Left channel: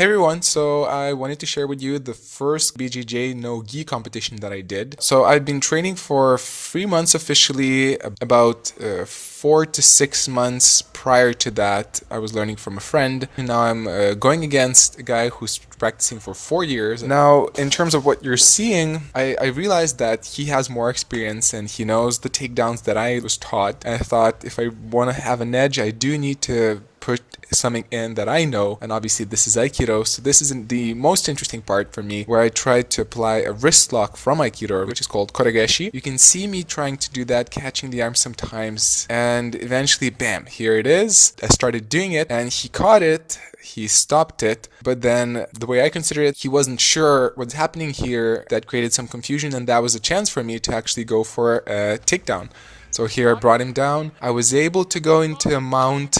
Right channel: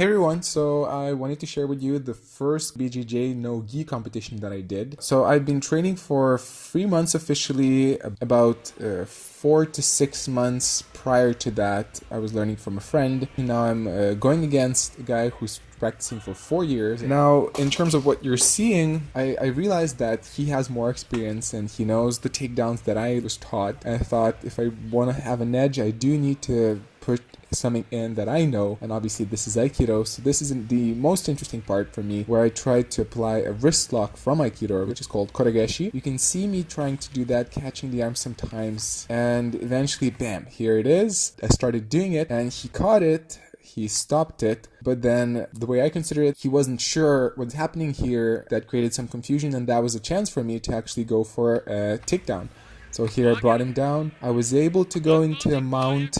Hey everyone, so I wanted to share with you the first BJJ No Gi competition that I did. So I've been training for 3 months officially, about 4 to 6 months prior to that I was learning from a friend. And now I'm going against a guy who's practicing for 4 years. Now in terms of what you're seeing, I realized that he has more experience and he knows the takedowns that I was taught. And I thought if I want to have an edge, I do need to put something in that I know, and obviously this is Aikido, so this isn't the most interesting part for me, where I tried to apply a wrist lock from Aikido, which is called koregashi. You can see me trying to do that, catching the arm sometimes, and eventually, bam, here it is. I started doing it, and he caught it. He stopped it, but then the way I consider it, he wasn't sure what's happening here. That created some confusion, and that was a chance for me to actually go for a takedown. So here I brought him down. I was able to go into a mount,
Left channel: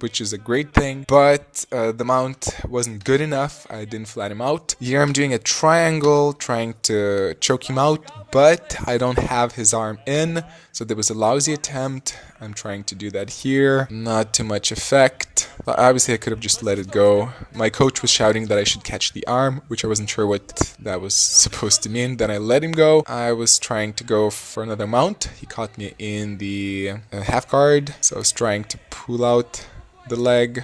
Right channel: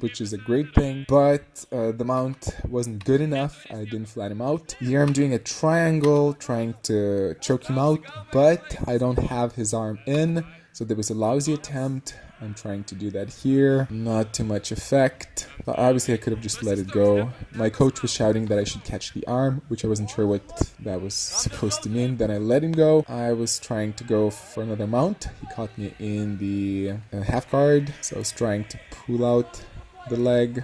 which is a great thing, but the mount wasn't good enough. I didn't flat him out. Here I'm doing a triangle, trying to choke him out, but I don't have his arm in. So there was a lousy attempt. I'm trying to do that here. Not too much effect. But obviously I could have just let it go. My coach was shouting that I should catch the arm, which I wasn't sure what that was supposed to mean. Then I let him go. I was trying to go for another mount. He caught me in the half guard. So I was trying to pull out the leg.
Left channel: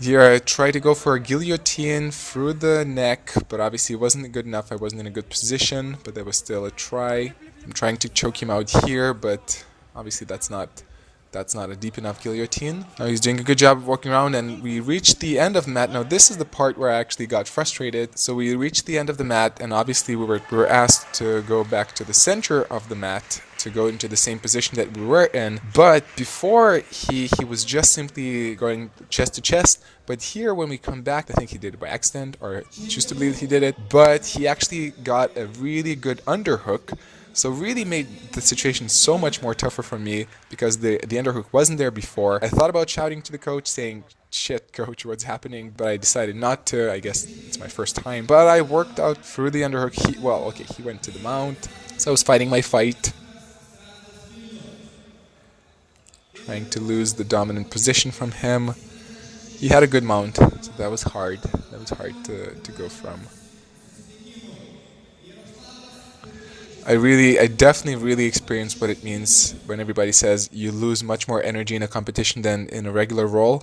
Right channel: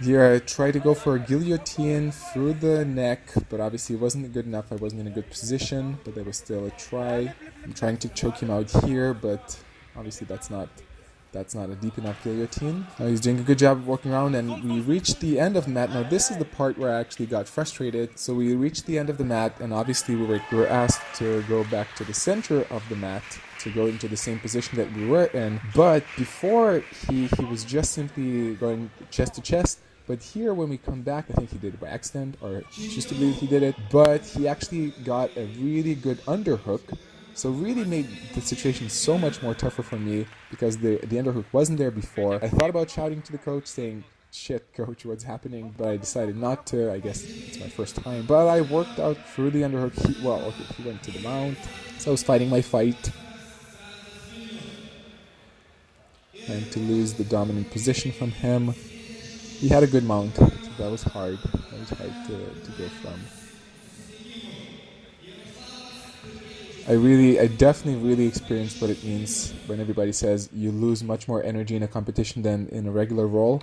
Here I tried to go for a guillotine through the neck, but obviously it wasn't good enough. I wasn't in a good position, but there was still a try. I'm trying to choke him out here, but obviously that's not a deep enough guillotine. Now he's doing a good job of walking around, and we reached the end of the mat. Now this is the part where I actually got frustrated. So we reached the end of the mat, and obviously we were asked to go back to the center of the mat to go into the same position that we were in. But before he was just simply going chest to chest. But here when we come back, I think he did it by accident, or choose to believe he did it. But he actually got a really good underhook. So really made the situation so much more tougher for me because the underhook wasn't there before. I thought about shouting to the coach saying, "Shit, coach, what's happening?" But I decided not to. I guess it's my first time. But I worked out through the underhook. He went to the mount. So I was fighting my fight. Trying to lose the dominant position from him. He had a good mount, so that was hard. That was hard to go from. I definitely really experienced what it means when everybody says you lose much more energy in a competition than in a regular roll.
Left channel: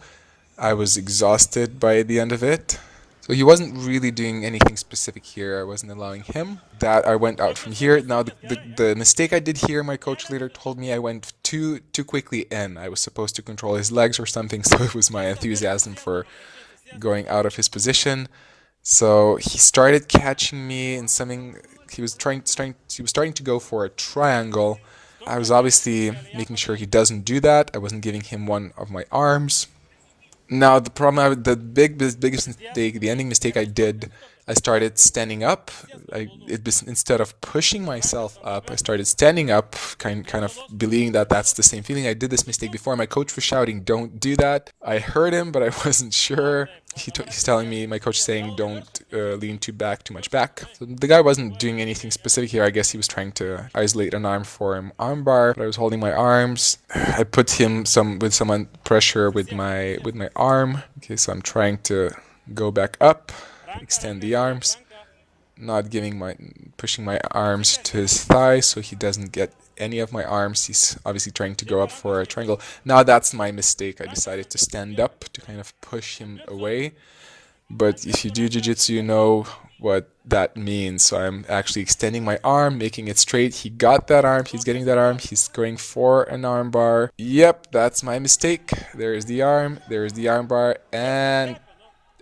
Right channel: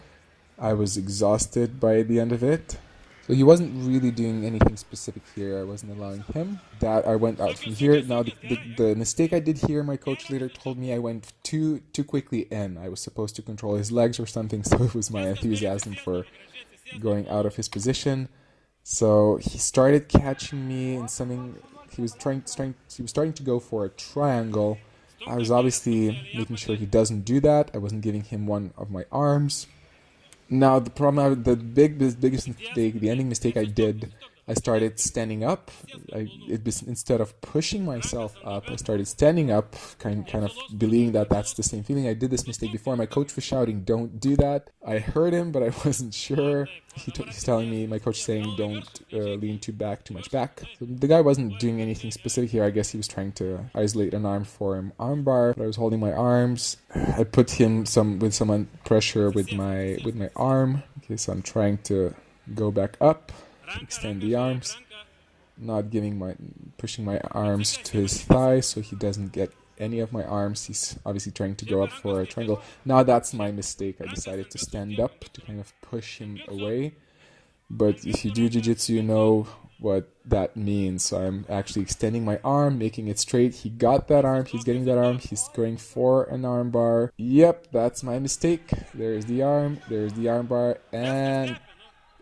I was exhausted by the end of it. So he wasn't really doing anything specific here. I wasn't allowing him. That I went out from here. Now the mistake I did here, my coach later told me I went too quickly in. I was supposed to control his legs or something, so it was my enthusiasm for going out of his position. So he started catching me in something. He was starting to go for a triangle. I was obviously making sure he doesn't do that. I wasn't giving him one of my arms. Now the problem, the biggest mistake, the ending mistake I did, I started standing up. Instead of pushing myself up, I started standing up, kind of believing that that's the same feeling. I did this mistake before. My coach was shouting, "Don't do that." I heard him, but I wasn't sure. He's telling me, my coach saying, "Don't lean too much back." So the guy wasn't doing anything specific here. I guess he was trying to isolate an arm for him armbar. But I was holding my arms. I put him with some pressure with my arm. Okay, so I'm trying to go back up. Extend the arms, not pushing my arms to his thigh so he doesn't get any of my arms. He's obviously trying to go up for a triangle. Now that's my mistake. I decided to stand up to kind of push him away. But if you do jiu-jitsu, you know what that means. So I'm actually extending my arm, making it straight. He got that arm. He's getting that arm. He's going for an arm bar. Yep, that's my mistake. There is the arm. There is the arm bar. And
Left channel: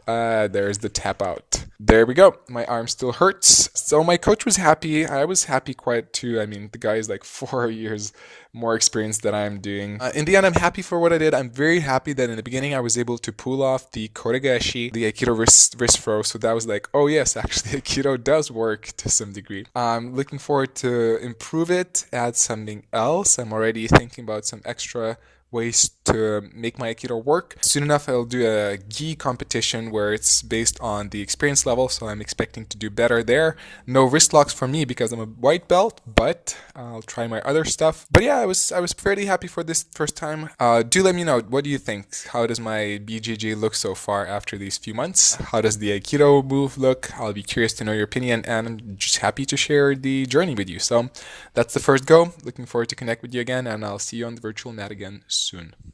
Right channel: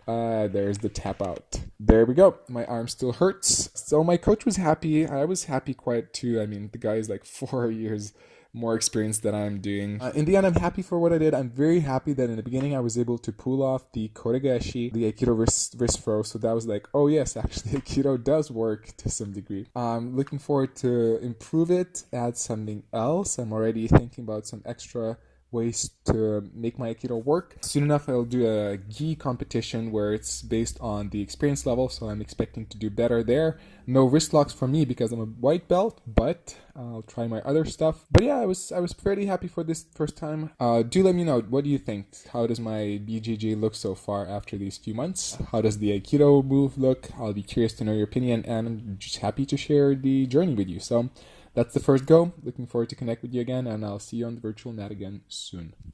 there's the tap out. There we go. My arm still hurts. So my coach was happy. I was happy quite too. I mean, the guy is like 4 years more experienced than I'm doing. In the end, I'm happy for what I did. I'm very happy that in the beginning I was able to pull off the koregashi, the Aikido wrist throw. So that was like, oh yes, actually Aikido does work to some degree. I'm looking forward to improve it, add something else. I'm already thinking about some extra ways to make my Aikido work. Soon enough, I'll do a gi competition where it's based on the experience level, so I'm expecting to do better there. No wrist locks for me because I'm a white belt, but I'll try my other stuff. But yeah, I was fairly happy for this first time. Do let me know, what do you think? How does my BJJ look so far after these few months? How does the Aikido move look? I'll be curious to know your opinion, and I'm just happy to share the journey with you. So that's the first go. Looking forward to connect with you again, and I'll see you on the virtual mat again soon.